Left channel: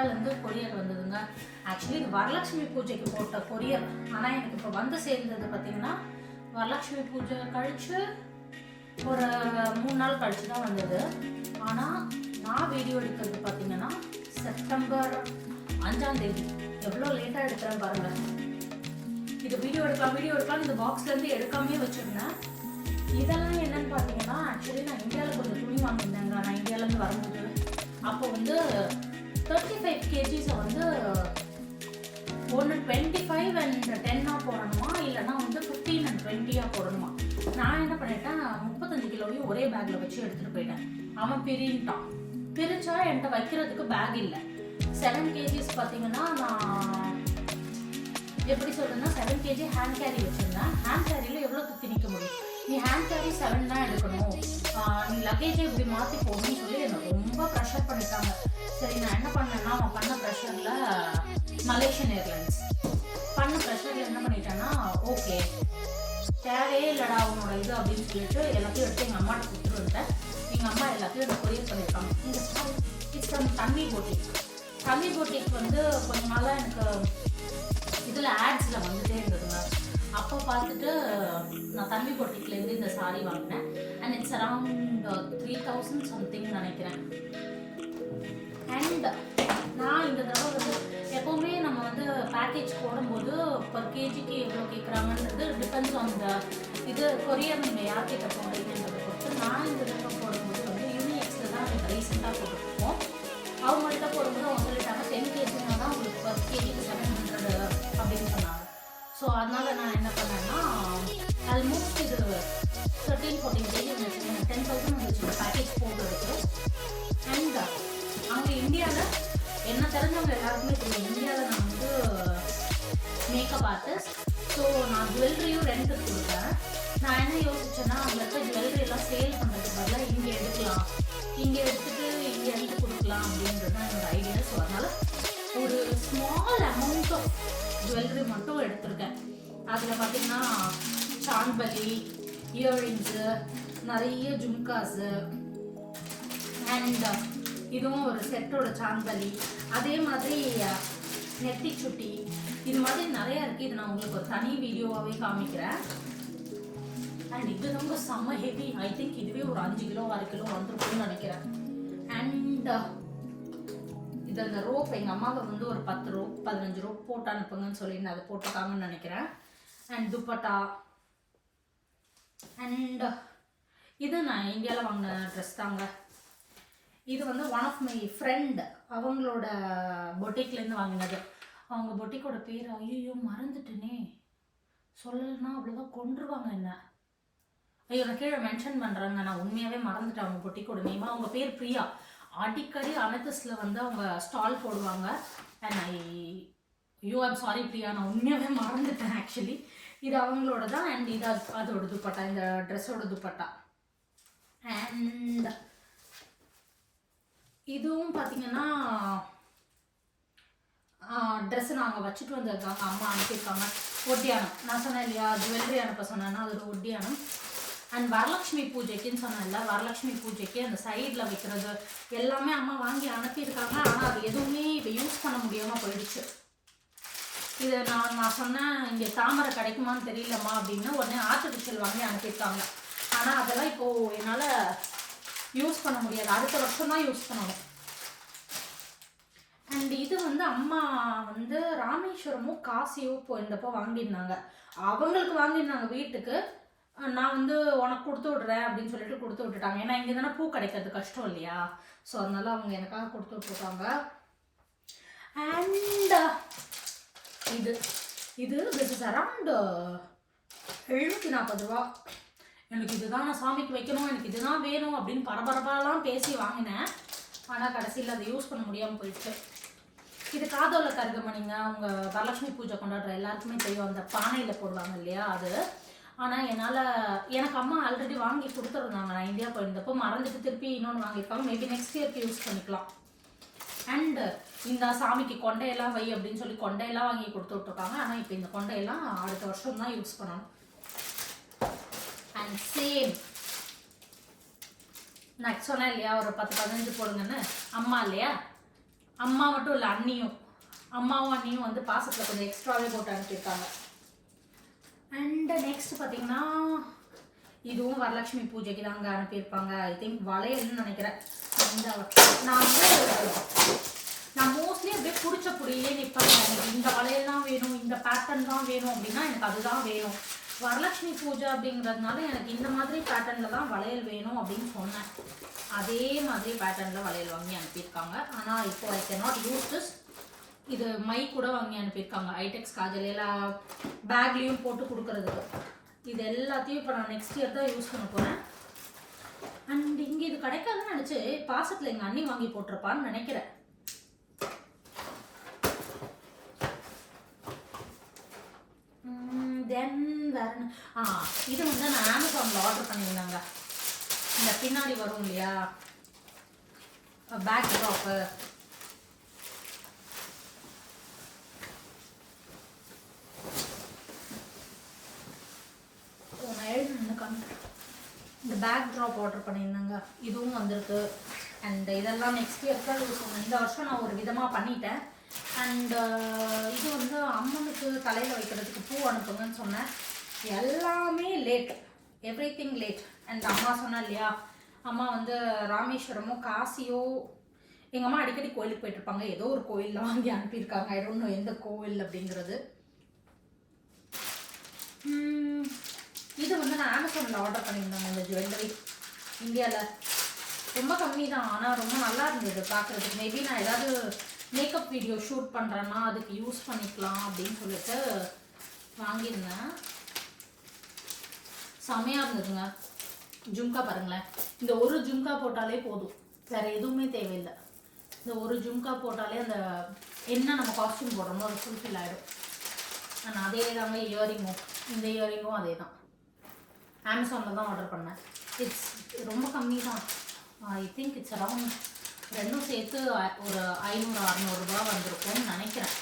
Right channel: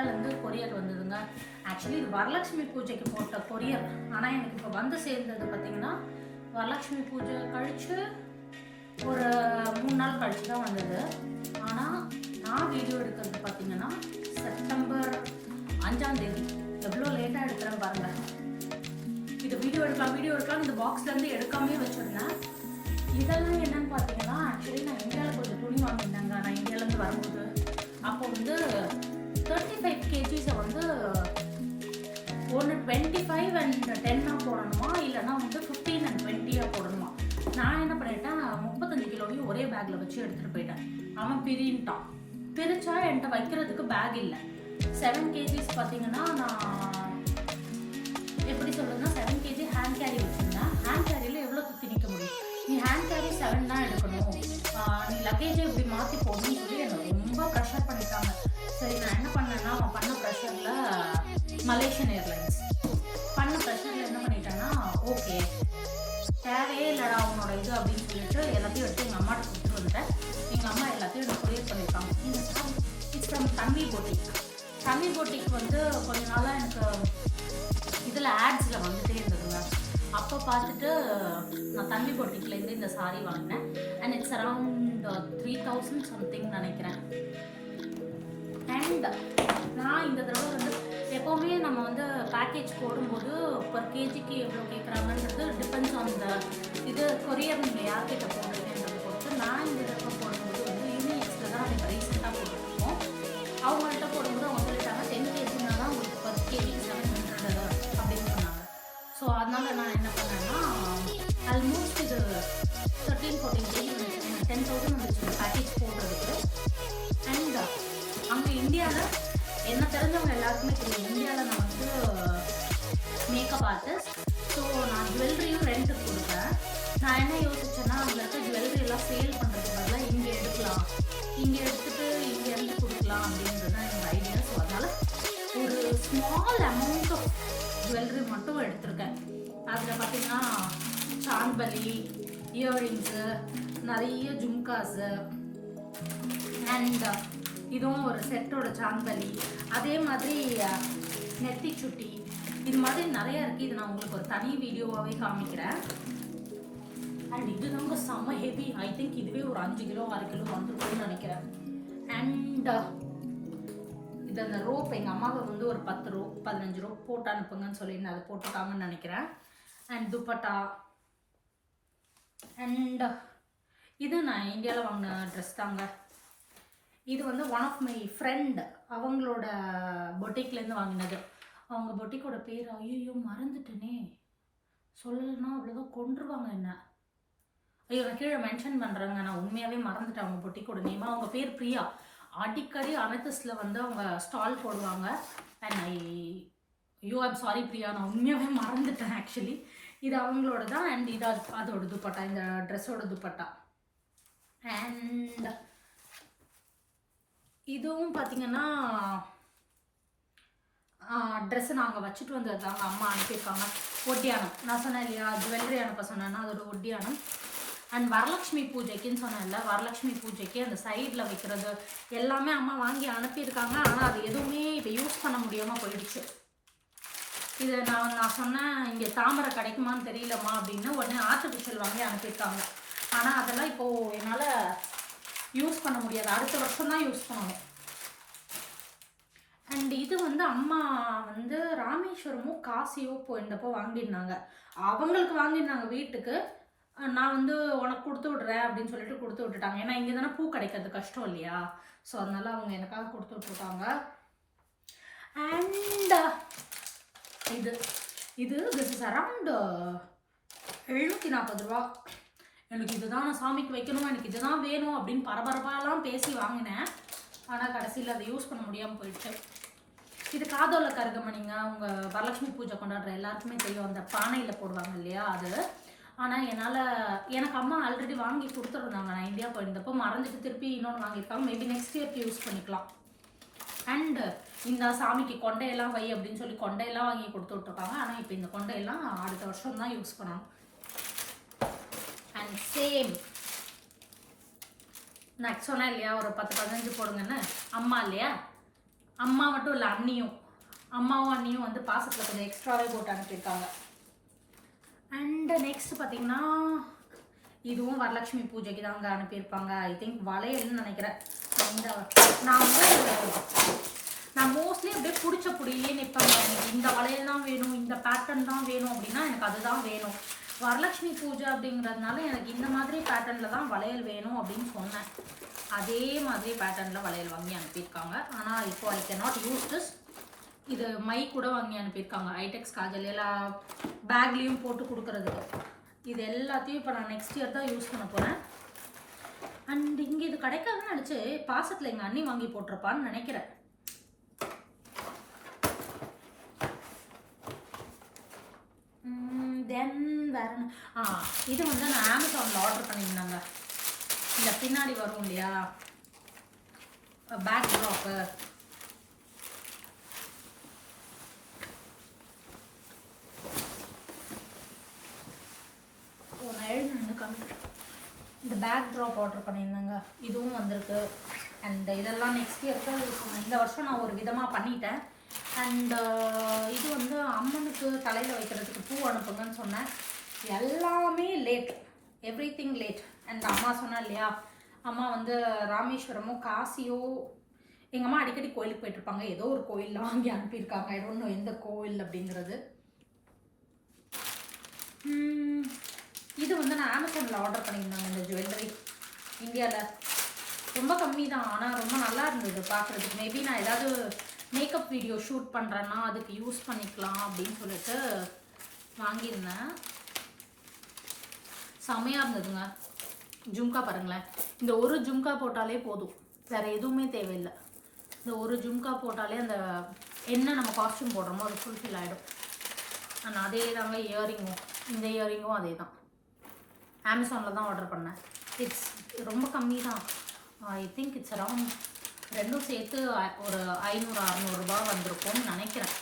இந்தியாவிலேருந்து கொரியர் வந்ததுங்க. ஆக்சுவலி இது வரலட்சுமி பூஜைக்கு போட்ட கொரியர். ஆனால் எனக்கு இப்போ வந்து சேர்ந்தது பார்த்தீங்கன்னா வரலட்சுமி பூஜை கழித்து ஒரு 3 நாள் கழித்து தான் வந்தது. ஆனால் நான் வீடியோ எடுக்கிறது பார்த்தீங்கன்னா செப்டம்பர் 5ஆம் தேதி. எவ்வளோ லேட்டாக எடுக்கிறேன் பாருங்கள். இது வீடியோ எடுக்கலாம் இந்த பாக்ஸ்லேருந்து எடுக்காமே வச்சுருந்தேன். இதெல்லாம் என்னன்னு பார்த்தீங்கன்னா ஆக்சுவலி நான் இந்தியாவில் கொஞ்சம் துணி வாங்கியிருந்தேங்க. நான் இந்தியாவிலேருந்து வரும்போது அப்போ வந்து 35 kgs வந்து ஒன்று 25 and 10 போடணுமா, இல்லைன்னா வந்து 15 and 20 போடணுமா. நான் என்ன பண்ணிட்டேன், 35 கிலோவையும் ஒரே பேக்கில் வச்சு எடுத்துகிட்டு போயிட்டேன். அவன் பிரின்ட்டான். பிரிச்சா என்கிட்ட வைக்கிறதுக்கு பேக் இல்லை. 7 kgs பார்த்தீங்கன்னா நான் எப்படி சொல்றேன்னா 7 kg ஹேண்ட் கேரி வச்சுருந்தேன். ஹேண்ட் கேரியில் எவ்வளோ சுற்றி நிற்க முடியும்? நீ ஹேண்ட் கேரி 7 தான் எடுக்கணும், நீ லக்கேஜை இப்படி மாற்றி போடணும்னு சொல்லி எனக்கு ரொம்ப ப்ரெஷர் பண்ணிட்டாங்க. சரி நான் என்ன பண்ணேன்னா, அவன் பண்ண ப்ரெஷரில் மலேசியன் ஏர்லைன்ஸ் பண்ண ப்ரெஷரில் என்ன பண்ணிட்டேன்னா, ஓகே தேவையே இல்லைடா அவனோட இது அப்படின்னு சொல்லிட்டு எல்லாத்தையும் எடுத்து எங்கள் அம்மாட்ட கொடுத்துட்டு வந்துட்டேன். எங்கள் அம்மா எல்லாத்தையும் எனக்கு கொரியர் பண்ணியிருக்காங்க. இட்ஸ் ஃப்ரம் தம்பி போட்டிக். தம்பி போட்டிக் வந்து கொஞ்ச நாளாக எனக்கு இதில் ஆட்ஸில் வந்துகிட்டே இருந்ததுங்க. அப்போ பார்த்துட்டு நான் தம்பி போட்டிக்லேருந்து இந்த சாரீ வாங்கினேன். அண்ட் இட்ஸ் அரவுண்ட் 3000 சம்திங் நினைக்கிறேன். அண்ட் நான் இந்த தடவை வந்து எப்போவுமே நம்ம வந்து பேக்கேஜ் போடும்போது பர் கேஜிக்கு எவ்வளோ கேட்குறாங்கன்றது டிபெண்ட்ஸ் ஆன் த இது கொரியர் நீங்கள் யார்கிட்ட போடுறீங்கன்றதை பொறுத்து. நான் இந்த தடவை போடும்போது வந்து யூனிஎக்ஸில் தான் எனக்கு ரீசெண்டாக போட்டுருக்கோம். அவங்கள்ட்ட போடும்போது அவங்க சொல்லிட்டாங்க 10 kgனா தான் உங்களுக்கு பர் கேஜிக்கு 700 அப்படின்னு சொன்னாங்க. ஸோ அதனால் நான் என்ன பண்ணேன்னா ஆல்மோஸ்ட் இது 13-14 kg வந்துச்சு. 10,000 வந்துச்சு பேக்கேஜ் போடுறதுக்கு. அண்ட் அங்கே இந்தியாவில் என்ன தெரிஞ்சவங்க எல்லாருக்குமே தெரியும், இந்தியாவில் நான் வந்து மேக்கப் ஆர்டிஸ்ட். ஸோ நான் ஜுவல்லரியும் ரெண்ட்டுக்கு கொடுப்பேன். நான் என்ன யோசிச்சேன்னா, அங்கே இருக்க ஜுவல்லரி எல்லாம் சேல் பண்ணுறதுனால இங்கே எடுக்கலாம், இங்கே எடுத்துகிட்டு இங்கேருந்து கொடுக்கலாம் அப்படின்றது தான் என்னோட ஐடியா. ஸோ அதனால் ஒரு ஸ்மால் அமௌண்ட் ஆஃப் ஜுவல்லரி மட்டும் எடுத்திருக்கேன். அதில் பார்த்திங்கன்னா சான்பலி, இயர்ரிங்ஸு, நிறைய ஜும்காஸு, அண்ட் இதுவும் ஒரு செட்டோட சான்பலி, அதே மாதிரி நெத்தி சுட்டி, இது மாதிரி நிறையா இருக்குது. இது நான் உங்களுக்கு ஒரு தனி வீடியோவாகவே காமிக்கிறேன். அண்ட் இது ரொம்ப செம்ம ஹெவி. ஐ திங்க் இதுவே ஒரு 5 கிலோ 6 கிலோ வந்துருக்கும்னு நினைக்கிறேன். அண்ட் இது அந்த ரோப் எங்கள் அம்மாவை வந்து ஒரு 10 ரோப் 15 ரோப் போட்டு அனுப்புங்கன்னு சொல்லியிருந்தேன். அதை போட்டுருக்காங்கன்னு நினைக்கிறேன். அண்ட் துப்பட்டா. அண்ட் இது நான் இந்தியாவில் வாங்கின ட்ரெஸ் தாங்க. இது வந்து ஒன் ஆஃப் மை ஃப்ரெண்ட் அவங்களோட பொட்டிக்லேருந்து வாங்கினது. அவங்க பொட்டிக்கோட பேர் ஐயோ மறந்துட்டேனே, சொல்லலைன்னா அவ்வளோதான் கொண்டுருவாங்க என்ன. ஐயோ நான் கீழே மென்ஷன் பண்ணுறாங்க, நான் உண்மையாகவே மறந்துட்டேன் அவங்க பொட்டிக்கோட நேமா. அவங்க பேர் பிரியா. அடிக்கடி அமெத்திஸ்டில் வந்து அவங்க ஸ்டால் போடுவாங்க. அண்ட் ஐம் சாரி பிரியா, நான் உண்மையாகவே மறந்துட்டேன் ஆக்சுவலி. இது அவங்களோட தான். அண்ட் இது அதோட துப்பட்டா, இந்த ட்ரெஸ்ஸோட துப்பட்டா. அண்ட் இதுவும் பார்த்திங்கன்னா ட்ரெஸ்ஸு நாங்கள் வச்சுட்டு வந்தது தாங்க, அம்மா அனுப்பியிருக்காங்க. ஒட்டியானம் நான் சொன்னேன் இல்லையா, ஜுவல்லரி அனுப்ப சொன்னேன்னா அதோட ஒட்டியானம். அண்ட் வரலட்சுமி பூஜைக்குன்னு சொன்னேன்ல, வரலட்சுமி பூஜைக்கு அந்த சைடில் வைக்கிறது எல்லாமே அம்மா வாங்கி அனுப்பியிருக்காங்க. ஆனால் அது எதுவுமே இப்போ யூஸ் பண்ண முடியாமல் போயிடுச்சு. இதை நான் சொன்னேன் இங்கே தாமரை கிடைக்குமான்னு தெரியலம்மா அப்படின்னு. உடனே ஆர்டிஃபிஷியல் வாங்கி அனுப்பியிருக்காங்க. ஆனால் அதெல்லாம் இப்போது என்னால் யூஸ் பண்ண முடியாது, அடுத்த வருஷம் தான் யூஸ் பண்ணணும். அண்ட் இது வந்து அம்மா வந்து ராமேஸ்வரமோ காசியோ போயிருந்தப்போ வாங்கியிருந்தாங்க. அவங்களுக்கு வாங்கியிருந்தாங்க வீட்டுக்கு. நான் வந்து உனக்கு கொடுத்து விட்றேன் அப்படின்னு சொல்லிட்டு கொடுத்து விட்டுட்டாங்க. ஏன்னா இங்கே தானே பூ கிடைக்கிறது கஷ்டம் இல்லையா. ஸோ அதனால அவங்க எனக்காக கொடுத்து விட்டுருக்காங்க. அண்ட் இது திஸ் இஸ் அரவுண்ட் 740 ரூபா. எனக்கு இதுதான் நான் சாமிக்கு வைக்கணும், எனக்கு இதுதான் வேணும் அப்படின்னு பரபரப்பாலாம் பேசி வாங்கினேன். ஆனால் கடைசியில் அதை யூஸ் பண்ண முடியாமல் போயிடுச்சு. இது காதோல கருகமணிங்க. அவங்க வரலட்சுமி பூஜை கொண்டாடுற எல்லாருக்குமே தெரியும், அந்த பானையில் போடுவாங்க இல்லையா அது. ஆனால் எனக்கு அம்மா ஆல்ரெடி வாங்கி கொடுத்துருந்தாங்க. நான் இந்தியா போயிருந்தப்போ மறந்துட்டு திருப்பி இன்னொன்று வாங்கியிருக்காங்க. மேபி நெக்ஸ்ட் இயர்க்கு யூஸ் பண்ணிக்கலாம். அண்டு இந்த சாமிக்கு கொண்டையெல்லாம் வை அப்படின்னு சொல்லி கொண்டையெல்லாம் வாங்கி கொடுத்து விட்ருக்காங்க. ஆனால் இப்போ இந்த கொண்டையெல்லாம் அடுத்த வருஷம் தான் யூஸ் பண்ணணும். அண்ட் சேம் நான் சொன்னேன் இல்லையா ஒரு 10-15 போடுங்கன்னு, அம்மா இல்லையா அம்மா மட்டும் இல்லை, அண்ணியும், அம்மாவும் அண்ணியும் வந்து பாசத்தில் கொஞ்சம் எக்ஸ்ட்ராவே போட்டு அனுப்பியிருக்காங்க. அண்ட் நெக்ஸ்ட் பார்த்தீங்கன்னா இதுவும் வரலட்சுமி பூஜைக்கு தாங்க அனுப்பியிருப்பாங்க. ஐ திங்க் வளையல்னு நினைக்கிறேன். இந்த நான் மோஸ்ட்லி அப்படியே பிடிச்சபடியே நிற்பேங்க. எனக்கு இந்த வளையல் தான் வேணும், இந்த பேட்டர்ன் தான் வேணும் அப்படின்னா எனக்கு அதுதான் வேணும். வரலட்சுமி பூஜை அப்படிங்கிறதுனால எனக்கு இந்த மாதிரி பேட்டர்னில் தான் வளையல் வேணும் அப்படின்னு சொன்னேன். அதே மாதிரி பேட்டர்னில் வளையல் வாங்கி அனுப்பியிருக்காங்க. ஆனால் இப்போ ஐ கேனாட் யூஸ் திஸ். இது மை கூட வாங்கி அனுப்பியிருக்காங்க. ஐடெக்ஸ் காஜல் எல்லாம் பேக்லேயும் போட்டு கொடுக்குறதுக்கு. இது எல்லாத்தையும் இப்போ நான் நெக்ஸ்ட் இயர் தான் யூஸ் பண்ண போகிறேன். அண்ட் இங்கே இது கிடைக்காதுன்னு நினச்சி பாசத்தில் எங்கள் அண்ணி வாங்கி போட்டிருப்பான்னு நினைக்கிறேன். தென் வேற இது வந்து நான் அமேசானில் ஆர்டர் பண்ணியிருந்தாங்க. இந்த பின்னாடி வரும் இல்லையா பேக் ட்ராப்பு, இந்த பேக் ட்ராப் ஆர்டர் பண்ணியிருந்தாங்க. இதுவும் வந்திருக்கு. அண்ட் இதெல்லாம் நெக்ஸ்ட் இயருக்கு யூஸ் பண்ணேன். இந்த வருஷம் நான் ஒரு விதமாக பண்ணிட்டேன். அண்ட் இது வந்து அம்மனுக்கு தலையில் வைக்கிறதுக்கு பூ அனுப்புங்கன்னு சொன்னேன். எல்லாமே late, every thing late. And அம்மா சொன்னா இல்லையா, அம்மா வந்து ராமேஸ்வரமோ காசியோ, எங்கள் அம்மா அடிக்கடி கோயிலுக்கு போயிட்டுருப்பாங்க. ஏதோ ஒரு கோயிலில் வாங்கி அனுப்பியிருக்காங்க. ஐ டோன்ட் நோ எந்த கோவில் அப்படிங்கிறது. இது வந்து நான் அமேசானில் ஆர்டர் பண்ணியிருந்தாங்க. இந்த ஜுவல்லரி இந்தியாவில் ரொம்ப கம்மி தான், ஆனால் ரொம்ப நல்லா இருந்தது பார்க்குறதுக்கு. மேபி நான் ஏதாவது மேக்கப் வீடியோ ஷூட் பண்ணுறேன்னா அதுக்கு யூஸ் பண்ணிக்கலாம் அப்படின்னு சொல்லிட்டு வாங்கியிருந்தேன். செமையாக இருந்ததுங்க. ஜும்கா பாருங்களேன், இந்த ஒரு ஜும்கா போட்டாலே போதும், வேறு எதுவுமே தேவையில்லை. இந்த ஒரு ஜும்கா போட்டாலே அந்த என்ன நம்ம காஸ்டியூம் போடுறோமோ அது ஃபுல்ஃபில் ஆகிடும். நான் அதே தாங்க இயரிங்கும், இந்த இயரிங்கும் அதே தான். அமேசானில் தான் ஆர்டர் பண்ணேன். இட்ஸ் ரொம்ப கம்மி தான். ஐ திங்க் இட்ஸ் அரவுண்ட் ரெண்டும் சேர்த்து ஒரு 500-600 ரூபாய் வந்திருக்கும்னு நினைக்கிறேன்.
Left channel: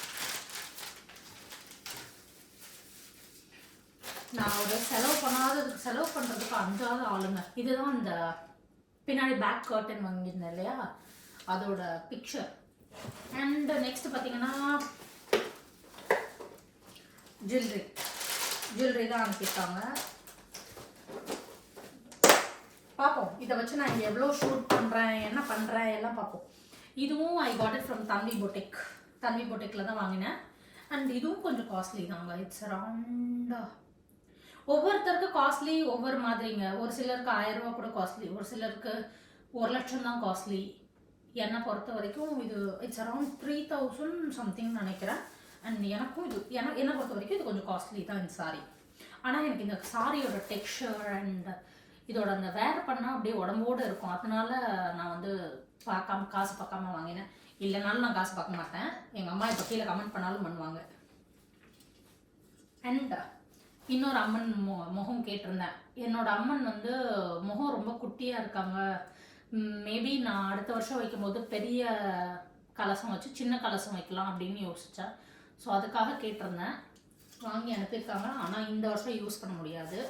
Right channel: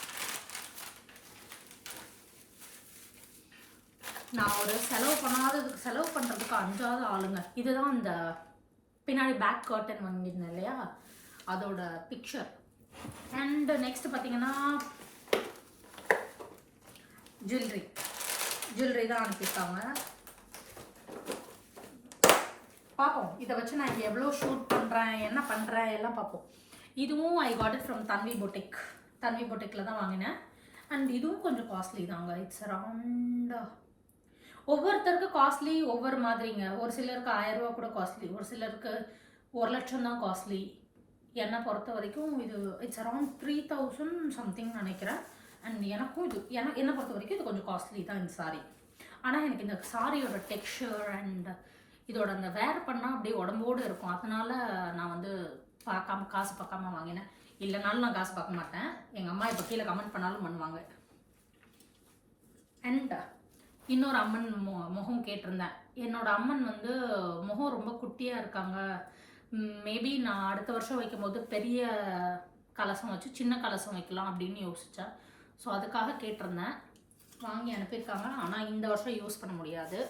நான் ஒரு செலவு பண்ணுறதுக்கு 5ஆவது ஆளுங்க. இதுதான் இந்த பின்னாடி பேக் கர்டன் வாங்கியிருந்தேன் இல்லையா, அதோட பிக்சர். அண்ட் நெக்ஸ்ட் பார்த்தீங்கன்னா ஜுவல்லரி தான் அனுப்பியிருக்காங்க. பார்ப்போம், இதை வச்சு நான் இங்கே எவ்வளோ ஷூட் பண்ணுறேன், என்ன பண்ணுறேன் எல்லாம் பார்ப்போம். இதுவும் ஐ காட் இட் ஃப்ரம் தன்வி பொட்டிக்கில் தான் வாங்கினேன். அண்ட் இதுவும் கொஞ்சம் காஸ்ட்லி தாங்க. இட்ஸ் அரவுண்ட், ஒவ்வொருத்தருக்கு காஸ்ட்லி ஒவ்வொரு மாதிரிங்க. ஒரு சிலருக்கு 1000 ரூபா கூட காஸ்ட்லி, ஒரு சிலருக்கு 1 லட்சம் தான் காஸ்ட்லி. என்னை பொறுத்த வரைக்கும் இது இட்ஸ் அரவுண்ட் 3000 சம்திங் நினைக்கிறேன். அண்ட் எனக்கும் இது என்னை பொறுத்த வரைக்கும் இது கொஞ்சம் காஸ்ட்லி தான் இந்த சாரீ. ஆனால் எனக்கு இந்த சாரியோட டெக்ஸ்சர் அண்ட் இதோட அந்த வேர் பண்ணால் அப்படியே உடம்போடு இருக்கும். அதனால நான் வந்து காசு பார்க்காம வாங்கினேன். இல்லைனாலும் நான் காசு பார்க்க மாட்டேன். எங்கள் அம்மா இப்போ கீழே கமெண்ட் பண்ணாலும் பண்ணுவாங்க. அண்ட் இன்னொரு அம்மன் முகம் கேட்டிருந்தேன். என்னோட அம்மன் வந்து முகம் ரொம்ப குட்டியாக இருக்காங்க. மேபி நான் அடுத்த வருஷம் வைக்கும்போது பெரிய கலசம் வச்சு சின்ன கலசம் வைக்கலாம் அப்படின்னு யோசித்தேன். ஸோ அதுக்காக கேட்டிருந்தேன். வாங்கி அனுப்பியிருக்காங்க. ஆனால் இந்த வருஷம் யூஸ் பண்ண முடியாது.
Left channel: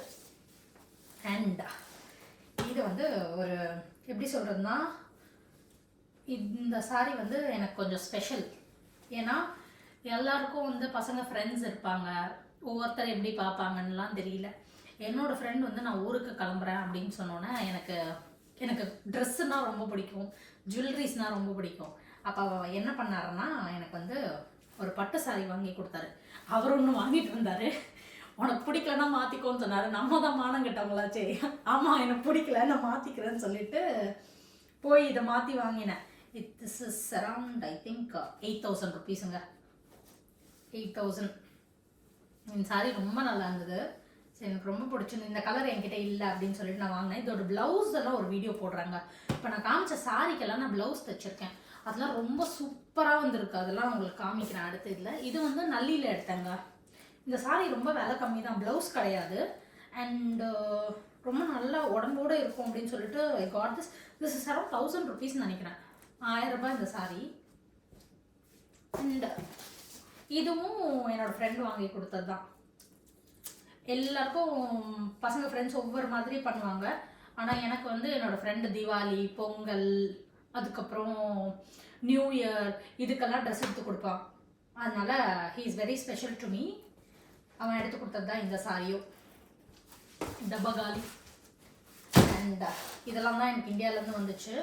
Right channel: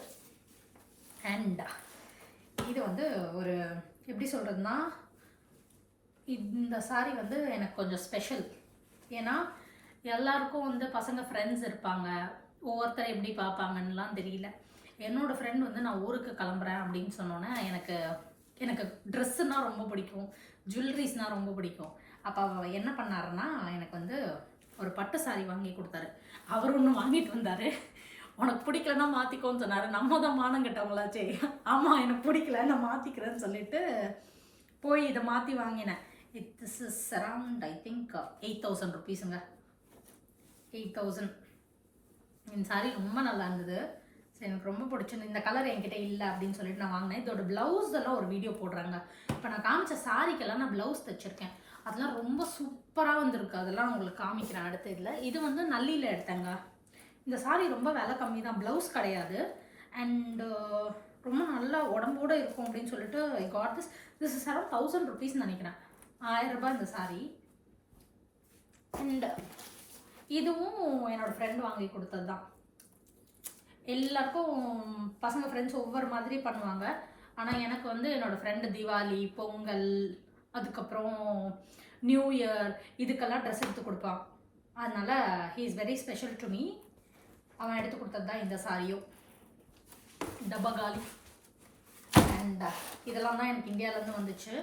அண்ட் இது வந்து ஒரு எப்படி சொல்கிறதுனா, இந்த சாரீ வந்து எனக்கு கொஞ்சம் ஸ்பெஷல். ஏன்னா எல்லாருக்கும் வந்து பசங்க ஃப்ரெண்ட்ஸ் இருப்பாங்க, ஒவ்வொருத்தர் எப்படி பார்ப்பாங்கன்னெலாம் தெரியல. என்னோடய ஃப்ரெண்ட் வந்து நான் ஊருக்கு கிளம்புறேன் அப்படின்னு சொன்னோன்னே எனக்கு ட்ரெஸ்ஸுனால் ரொம்ப பிடிக்கும், ஜுவல்லரிஸ்னால் ரொம்ப பிடிக்கும். அப்போ அவர் என்ன பண்ணாருன்னா, எனக்கு வந்து ஒரு பட்டு சாரி வாங்கி கொடுத்தாரு. அவர் ஒன்று வாங்கிட்டு வந்தார். உனக்கு பிடிக்கலன்னா மாற்றிக்கோன்னு சொன்னார். நம்ம தான் மானம் கட்டவங்களாச்சே. ஆமாம், எனக்கு பிடிக்கல, நான் மாற்றிக்கிறேன்னு சொல்லிட்டு போய் இதை மாற்றி வாங்கினேன். This is around I think 8000 ருபீஸுங்க. 8000. இந்த சாரீ ரொம்ப நல்லா இருந்தது. ஸோ எனக்கு ரொம்ப பிடிச்சிருந்து. இந்த கலர் என்கிட்ட இல்லை அப்படின்னு சொல்லிட்டு நான் வாங்கினேன். இதோட ப்ளவுஸ் எல்லாம் ஒரு வீடியோ போடுறாங்க. இப்போ நான் காமிச்ச சாரிக்கெல்லாம் நான் ப்ளவுஸ் தைச்சிருக்கேன். அதெல்லாம் ரொம்ப சூப்பராக வந்துருக்கு. அதெல்லாம் உங்களுக்கு காமிக்கிறேன் அடுத்த இதில். இது வந்து நல்லியில் எடுத்தேங்க. இந்த சாரீ ரொம்ப விலை கம்மி தான், ப்ளவுஸ் கிடையாது. அண்டு ரொம்ப நல்லா உடம்போடு இருக்கும் அப்படின்னு சொல்லிட்டு I got this is around 1000 rupees நினைக்கிறேன். 1000 ரூபாய் இந்த சாரீ. அண்ட் இதுவும் என்னோடய ஃப்ரெண்ட் வாங்கி கொடுத்தது தான். எல்லாருக்கும் பசங்க ஃப்ரெண்ட்ஸ் ஒவ்வொரு மாதிரி பண்ணுவாங்க. ஆனால் எனக்கு வந்து என்னோடய ஃப்ரெண்டு தீபாவளி, பொங்கல், அதுக்கப்புறம் நியூ இயர் இதுக்கெல்லாம் ட்ரெஸ் எடுத்து கொடுப்பான். அதனால் he is very special to me. அவன் எடுத்து கொடுத்தது தான் இந்த சாரியும், டப்பா காலி. அண்ட் இதெல்லாம் தான் எனக்கு இந்தியாவிலேருந்து வந்துச்சு.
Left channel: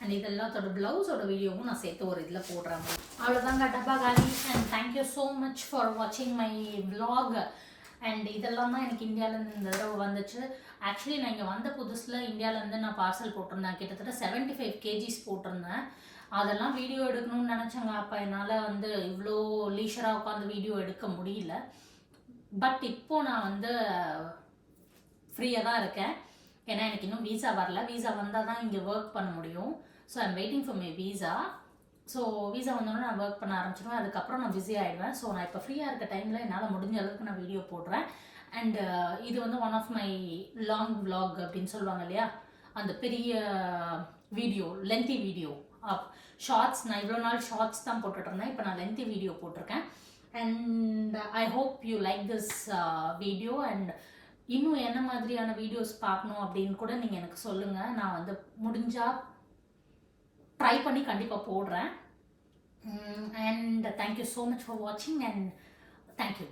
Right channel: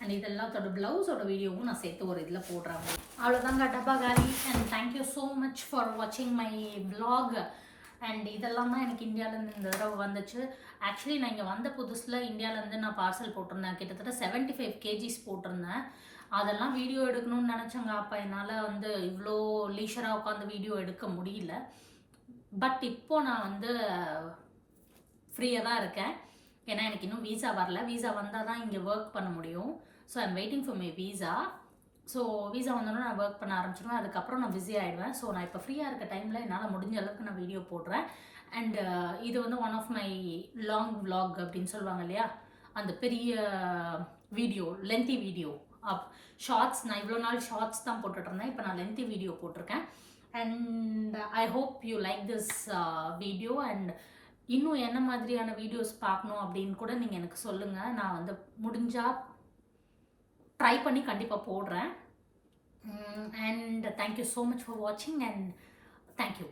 அண்ட் இதெல்லாத்தோட ப்ளவுஸோட வீடியோவும் நான் சேர்த்து ஒரு இதில் போடுறேன். அவ்வளோதாங்க, டப்பா காலி. And thank you so much for வாட்சிங் மை vlog. அண்ட் இதெல்லாம் தான் எனக்கு இந்தியாவிலேருந்து இந்த தடவை வந்துச்சு. ஆக்சுவலி நான் இங்கே வந்த புதுசில் இந்தியாவிலேருந்து நான் பார்சல் போட்டிருந்தேன். கிட்டத்தட்ட 75 kgs போட்டிருந்தேன். அதெல்லாம் வீடியோ எடுக்கணும்னு நினச்சேங்க. அப்போ என்னால் வந்து இவ்வளோ லீஷராக உட்காந்து வீடியோ எடுக்க முடியல. பட் இப்போது நான் வந்து ஃப்ரீயாக தான் இருக்கேன். ஏன்னா எனக்கு இன்னும் வீசா வரல. வீசா வந்தால் தான் இங்கே ஒர்க் பண்ண முடியும். So I'm waiting for my visa. So visa வந்தோடனே நான் ஒர்க் பண்ண ஆரம்பிச்சிடுவேன். அதுக்கப்புறம் நான் பிஸி ஆகிடுவேன். ஸோ நான் இப்போ ஃப்ரீயாக இருக்க டைமில் என்னால் முடிஞ்ச அளவுக்கு நான் வீடியோ போடுறேன். அண்ட் இது வந்து one of my long vlog அப்படின்னு சொல்லுவாங்க இல்லையா, அந்த பெரிய வீடியோ, லென்த்தி வீடியோ. ஷார்ட்ஸ் நான் இவ்வளோ நாள் ஷார்ட்ஸ் தான் போட்டுட்ருந்தேன். இப்போ நான் லென்த்தி வீடியோ போட்டிருக்கேன். And I hope you like this video. And இன்னும் என்ன மாதிரியான வீடியோஸ் பார்க்கணும் அப்படின்னு கூட நீங்கள் எனக்கு சொல்லுங்கள். நான் வந்து முடிஞ்சால் ட்ரை பண்ணி கண்டிப்பாக போடுறேன். And thank you so much for வாட்சிங் அண்ட் தேங்க்யூ.